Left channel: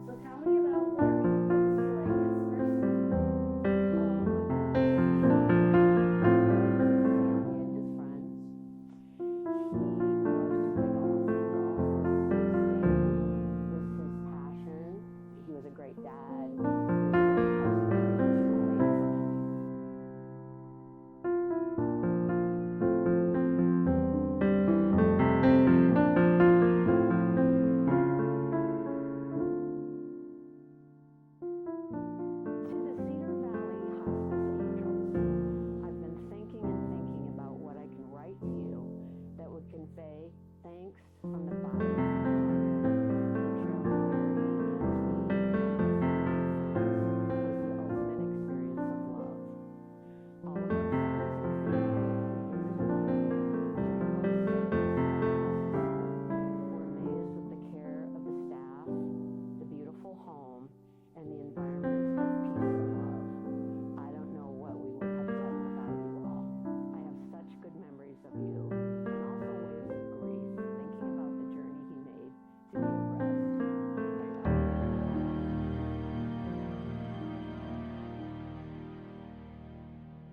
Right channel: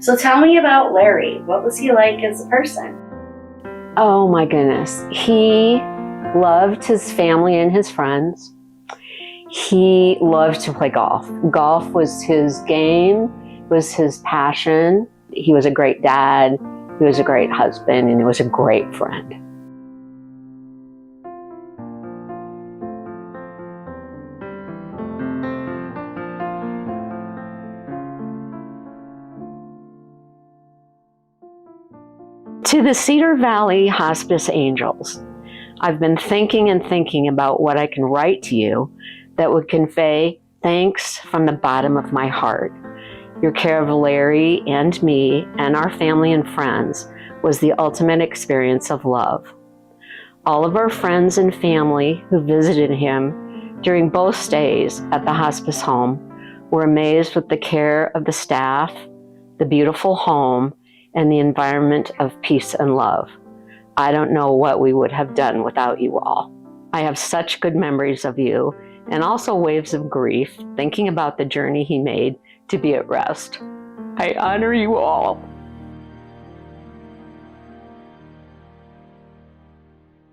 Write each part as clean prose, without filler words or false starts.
So tell me about Larry. What was he like as a person? Oh my goodness. He loved his family and his friends. He loved to play golf. Golf was his game, was his passion. He was a great dad, he was a great husband, and he was a great friend. To the Cedar Valley Hospice Angels, I've been thinking and thinking about what I can write to you that would convey thanks from the bottom of my heart. Your care of Larry and me and our family and friends was the ultimate experience of love. All of our friends and family who visited him during both stays at the hospice home were amazed with the care of the staff, the beautiful home, and the environment of peace and love. I don't know what we would have done without you all. I have such good memories of you, and also waves of grief, thinking about the journey he made to be at rest. I honor you all.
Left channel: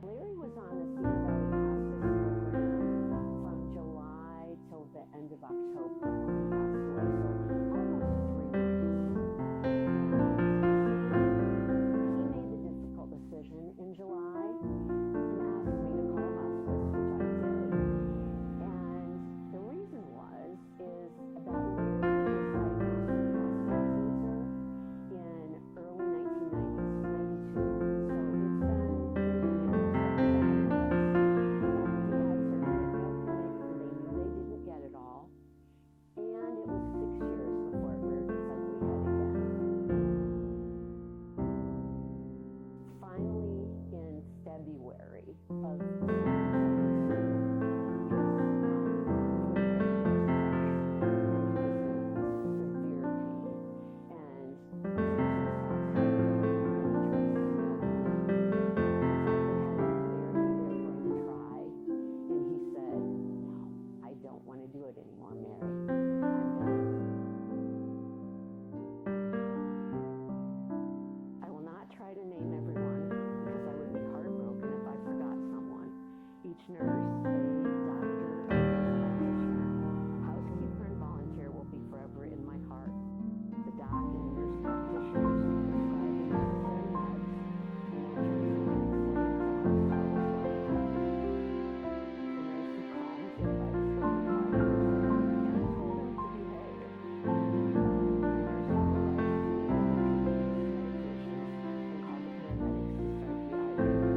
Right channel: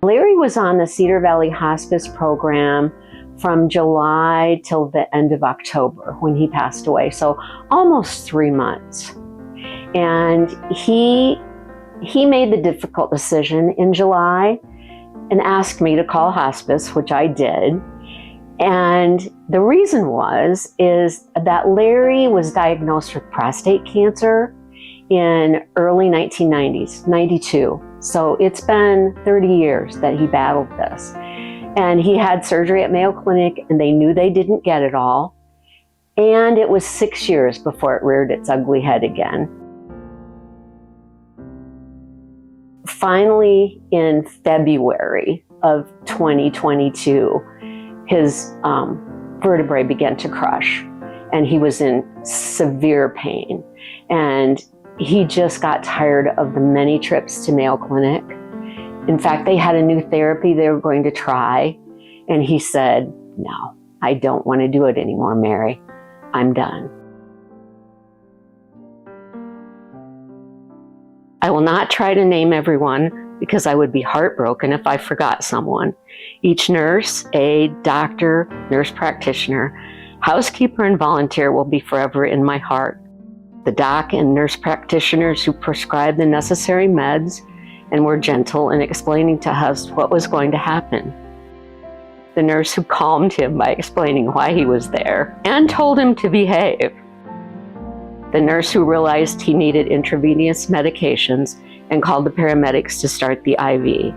Larry was on the Cedar Valley Hospice program from July till the end of October when he passed away, so almost 3 months. And he made the difficult decision in July and asked me to call hospice, which I did. And the reason is that Larry was diagnosed with prostate cancer in early 1990s, 92. So it's been 30 years that he battled this. And he had surgery at Mayo Clinic, and they knew they didn't get it all. And it was 6 years before it reared its ugly head again. Finally, in February of 2022, his vertebrae began to crush, and he was in severe pain. And he just got tired of the many trips to Mayo Clinic. In fact, they had a new therapy they were going to try, and he said, "No, I don't want to do it anymore, Mary. I'm done." I will not try to name everyone because I would be heartbroken if I forgot someone. Each nurse, aide, doctor, nurse practitioner, housekeeper, and volunteer will be forever in my heart. The doc and nurse practitioners who prescribed the necessary meds and were gentle in explaining to us what was going to happen. The nurse who calmed him by explaining why he was there and told him to behave. The nurse who realized he needed intravenous medications and called the paramedics to start the IV.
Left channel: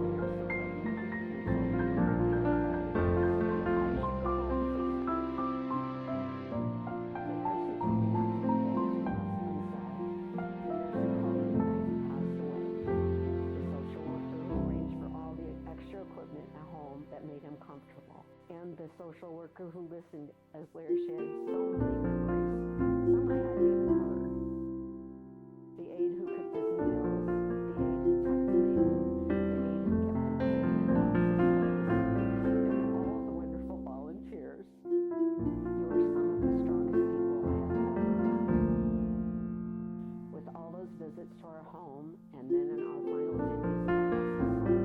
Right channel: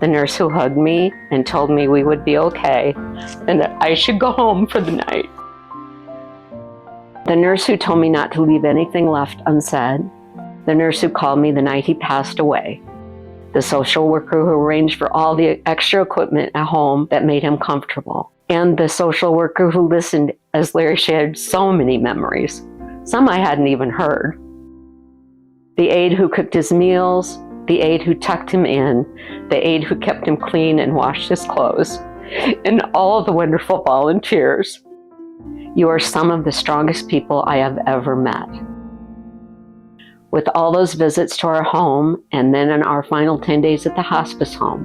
The nurse who hugged me and told me we would be okay and that I should go home for the night. The nurse who told me not to leave anything left unsaid. The nurse who called me the night he passed away. The social worker who arranged for all the extra equipment at home that made him comfortable. And the social worker who listened as Larry shared so many memories. Some I hadn't even heard. The aide who cooked his meals, the aide who tucked him in, the aide who kept him clean and washed his clothes, and all of the wonderful volunteers. You are some of the strongest people I have ever met. With all those visits to our home, and then in our final 10 days at the hospice home,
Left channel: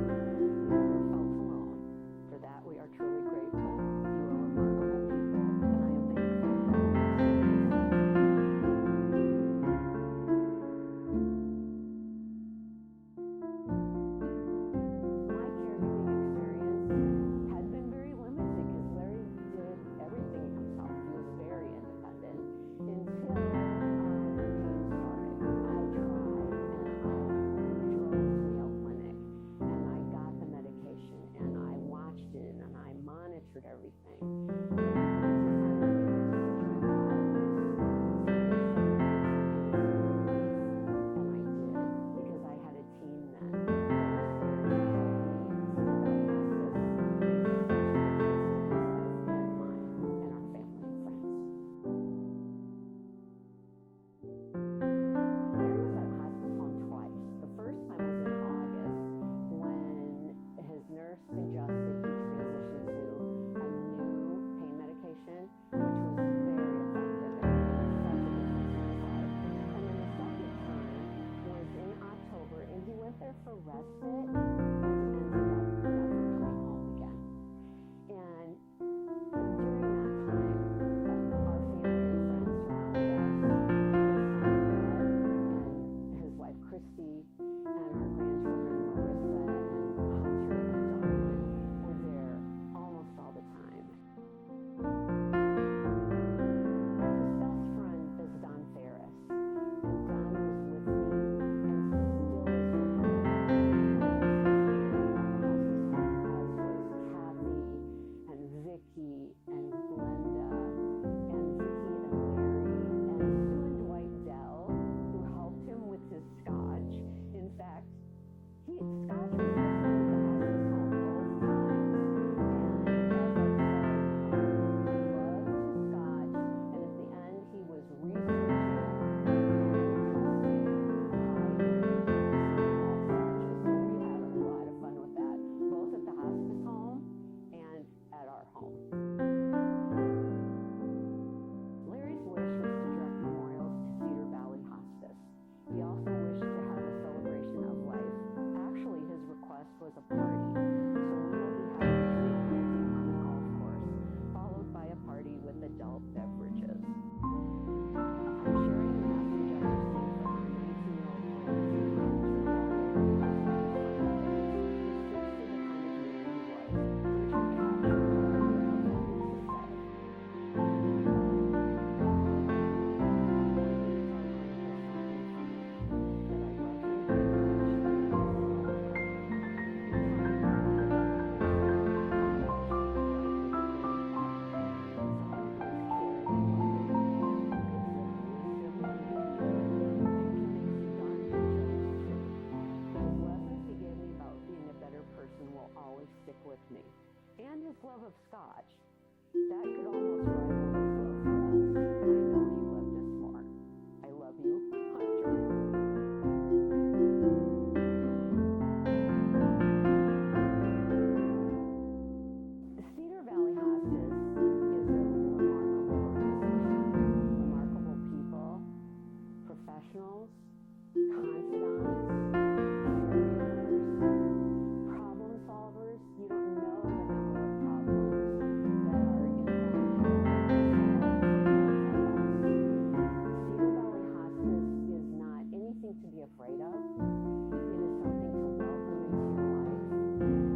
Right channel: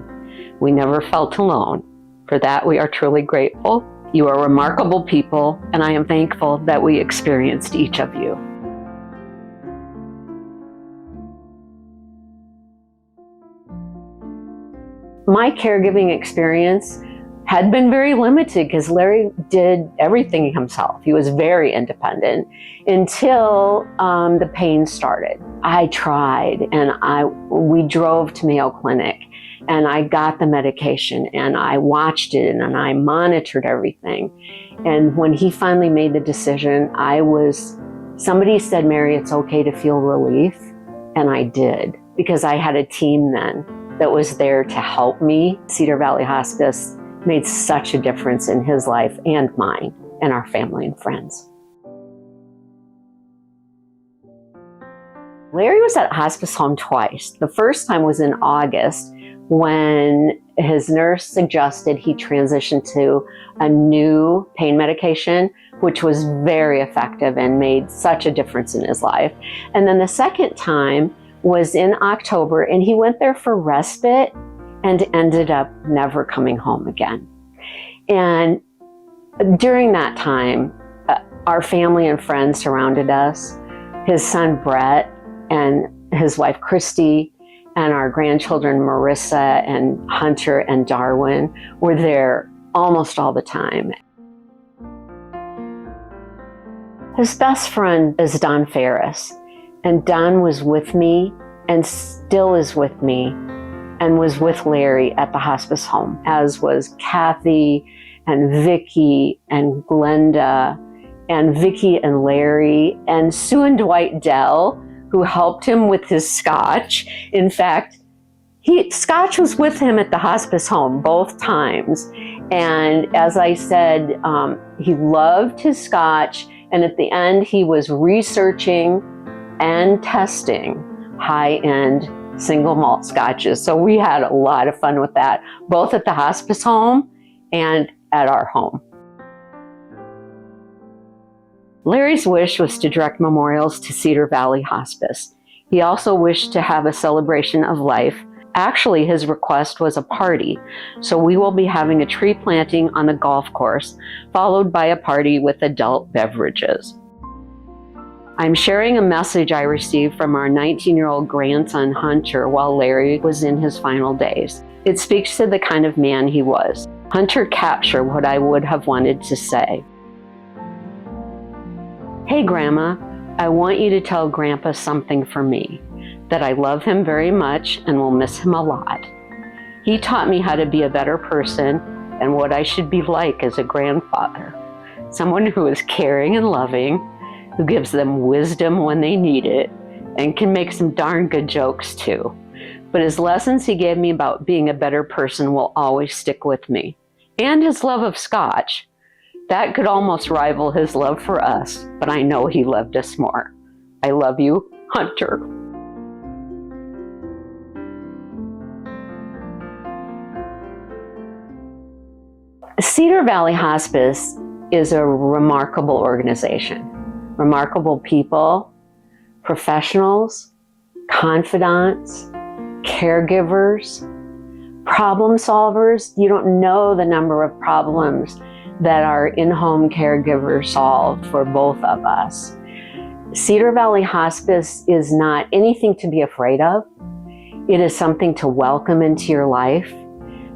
we never felt alone. For that, we are truly grateful. You are remarkable people, and I am thankful that we experienced each of you. My caregiving experience had been very limited because Larry did everything himself. He was very independent until the pain started. I tried, and we drove to Mayo Clinic, and I got the medication, and I watched it, and I monitored everything. And when he finally made the decision, somebody said, "Mary, it's okay to feel relief." And I did, because I had a team then that was there to help me. Cedar Valley Hospice made such a difference in his life and mine and our family and friends. Larry was at hospice home twice. The first time was in August when his nurse suggested he transition to a new pain medication, which was very effective and made such a difference in his life. And then the second time was in October, and he went there for respite and ended up never coming home again. And during that time, our family and friends surrounded us. His son Brett and his wife Christy and our grandchildren Marissa and Hunter and Darwin were there almost all the time. His best friend is Don Ferris, and Don was with me and still is with me and was with Larry at the hospice home, as was Kathy and Vicki and Glenda and Vicki and Larry and Sue and Dwight Dell, who helped him with his scotch. In fact, Scotch was with him at the hospice home both times. And as I said, he loved his scotch. And at the end, he was researching and testing high-end single malt scotches. So we had a lot of fun with that, both at the hospice home and at our home. Larry's wish was to direct memorials to Cedar Valley Hospice. He also wished to have a celebration of life. Actually, his request was a party, so we will be having a tree planting on the golf course, followed by a party with adult beverages. I'm sharing a message I received from our 19-year-old grandson, Hunter, while Larry was in his final days. It speaks to the kind of man he was. Hunter captured what I would have wanted to say. Hey, Grandma, I want you to tell Grandpa something for me, that I love him very much and will miss him a lot. He taught me how to be a better person and what I should be like as a grandfather. Someone who is caring and loving, who gives them wisdom when they need it, and can make some darn good jokes too. But his lessons he gave me about being a better person will always stick with me. And his love of scotch. That could almost rival his love for us, but I know he loved us more. I love you, Hunter. Cedar Valley Hospice is a remarkable organization. Remarkable people, professionals, confidants, caregivers, problem solvers. You don't know the number of problems that our in-home caregivers solve for both of us. Cedar Valley Hospice is not anything to be afraid of. It is something to welcome into your life.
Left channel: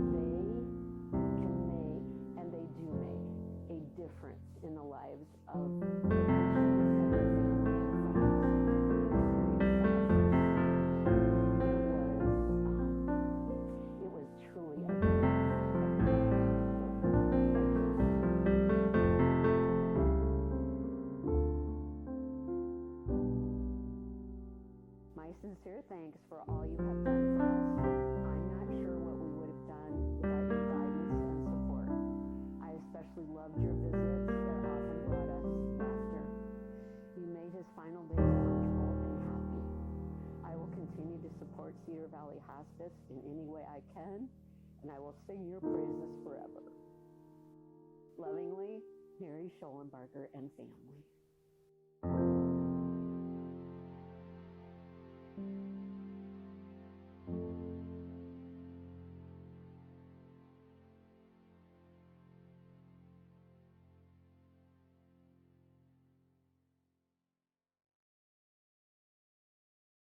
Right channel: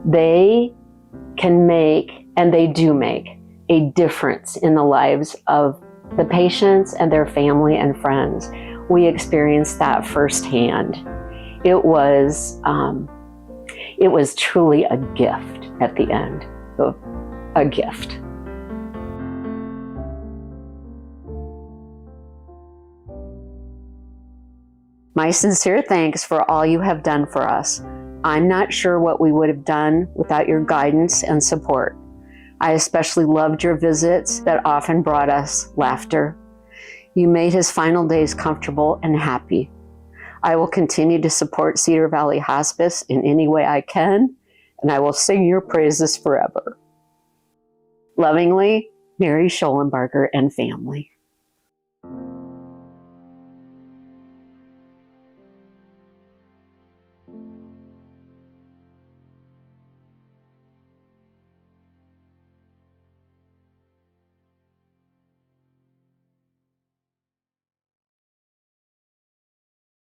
They can make, and they do make, a difference in the lives of the patients and their family and friends. We experienced that firsthand. It was truly a gift at the end. A gift. My sincere thanks for all you have done for us. I'm not sure what we would have done without your guidance and support. I especially loved your visits that often brought us laughter. You made his final days comfortable and happy. I will continue to support Cedar Valley Hospice in any way I can, and I will sing your praises forever. Lovingly, Mary Shollenbarger and family.